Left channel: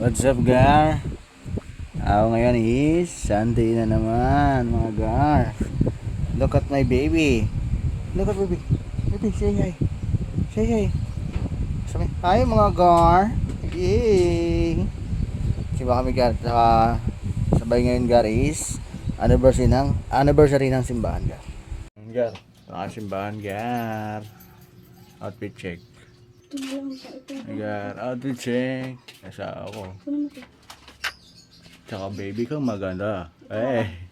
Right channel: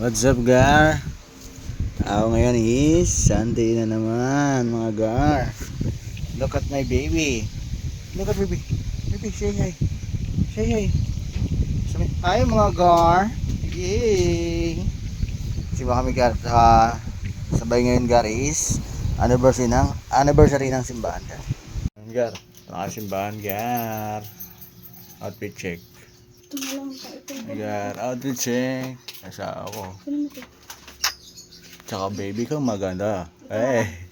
What's up, Gar? Ngayon is Sunday na naman, mga Gar. Look at my baby. Look at baby. Baby, say hi. Say hi. Sabi, hi mga Gar. Yay! Siba kami, Gar. Sabay ngayon, Gar, is anniversary ng simbahan, Gar. Gar, ito ang simbahan, Gar. Outfit check. Ito na lang sa ito. Gar, outfit check. Nasa ako. Ano ito? Tsaka baby ko maganda. Eh.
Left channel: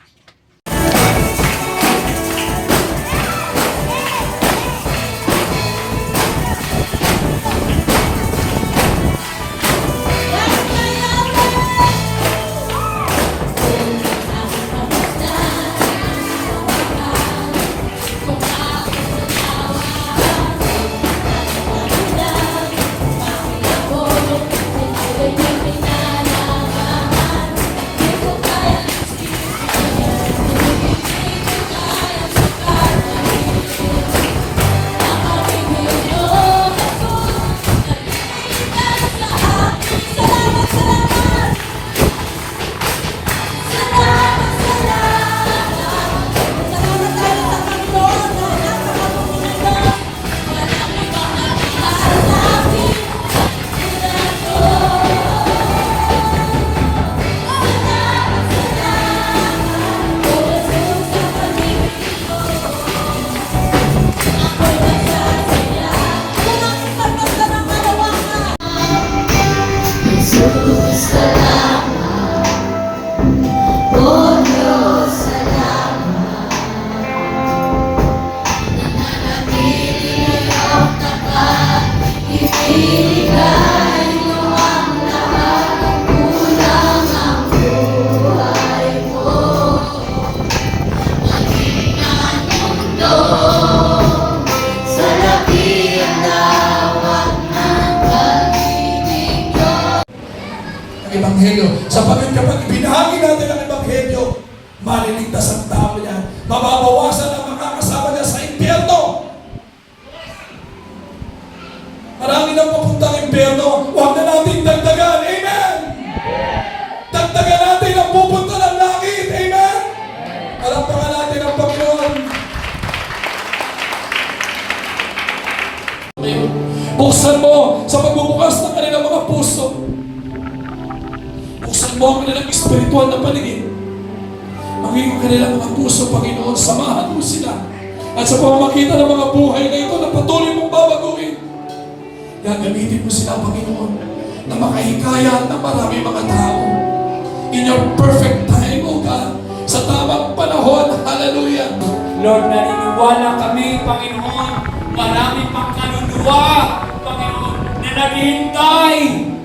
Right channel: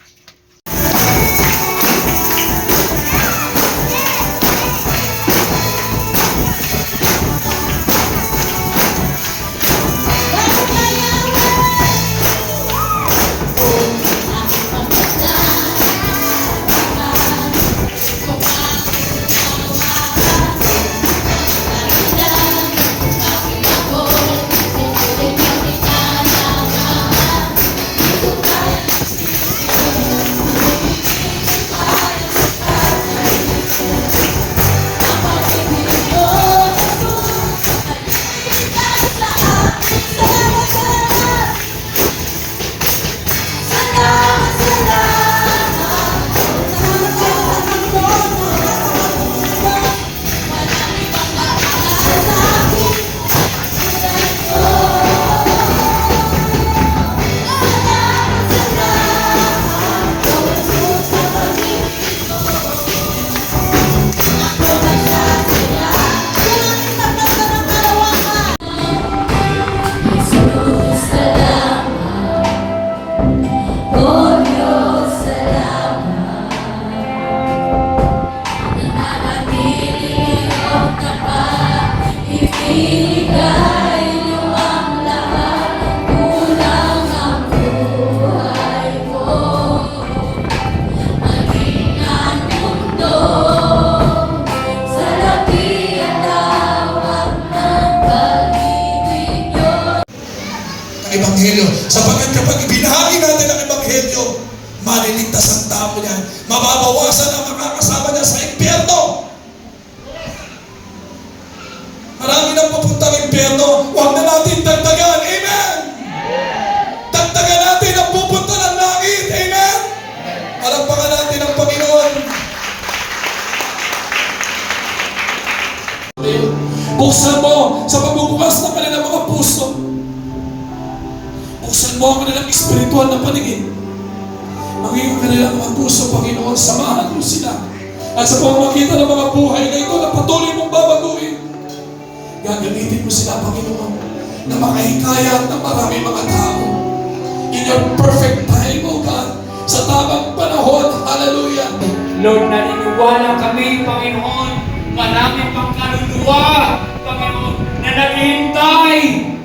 Ebanghelyo. Sapagkat kapag ibinahagi natin ang Ebanghelyo, maliligtas ang tao niyan. Mababawasan ang makakasama niya sa impyerno. Marami nang papuntang impyerno, huwag na natin dagdagan. Amen! Dagdagan natin ang pupunta ng langit. Amen! Alampakan natin ang Panginoon. Buksan mo sa pagbubukas ng kanilang mga puso. Buksan mo ang kanilang espiritual na paligid. Maging ang kanilang mga puso, Panginoon, samahan mo sila. At sa pamamagitan ng mga buhay na ito na patuloy mong babaguhin, gagamitin mo sila, Panginoon, na makahikayat ng marami mga tao. In your perfect time, O God, sa tamang panahon, hallelujah. Lord, naniniwala kami, Panginoon, marami pang kaluluwa, Panginoon, na naghihintay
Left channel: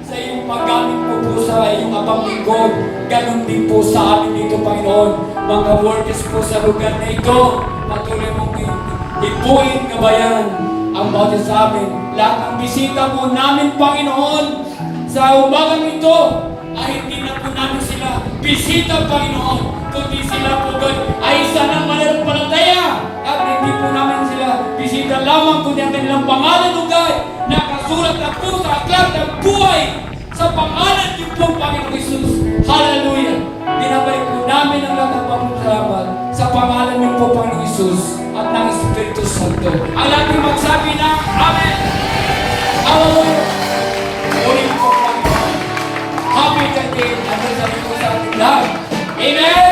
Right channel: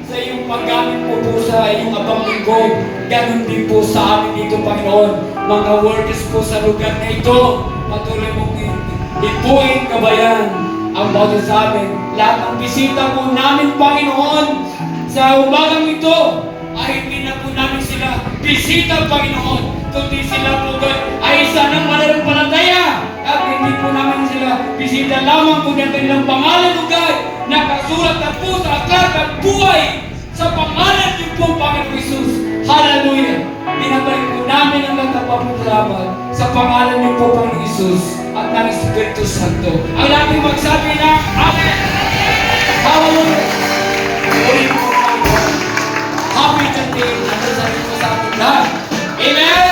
sa iyong paggamit po sa iyong abang linggo. Ganon din po sa amin dito, Panginoon. Mga workers po sa lugar na ito, patuloy mong ipuin, kabayan, ang bawat sa amin. Lahat ng bisita po namin, Panginoon, sa umagang ito, ay hindi na po namin sila bisita, Panginoon, kundi sila po ay isa ng mananampalataya. At hindi po namin sila bisita lamang kundi ang kanilang pangalan, Lugay, nakasulat at po sa aklat at buhay sa pangalan niyo po, Panginoon Jesus. Hallelujah! Binabalik po namin ang nagpapasalamat sa pangalan niyo po, Panginoon Jesus, at ng Espiritu Santo. Ang namin magsabi ng Amen! Hallelujah! Ulit po, Panginoon. Happy birthday! Ang nasabi po sa ating lahat. Amen!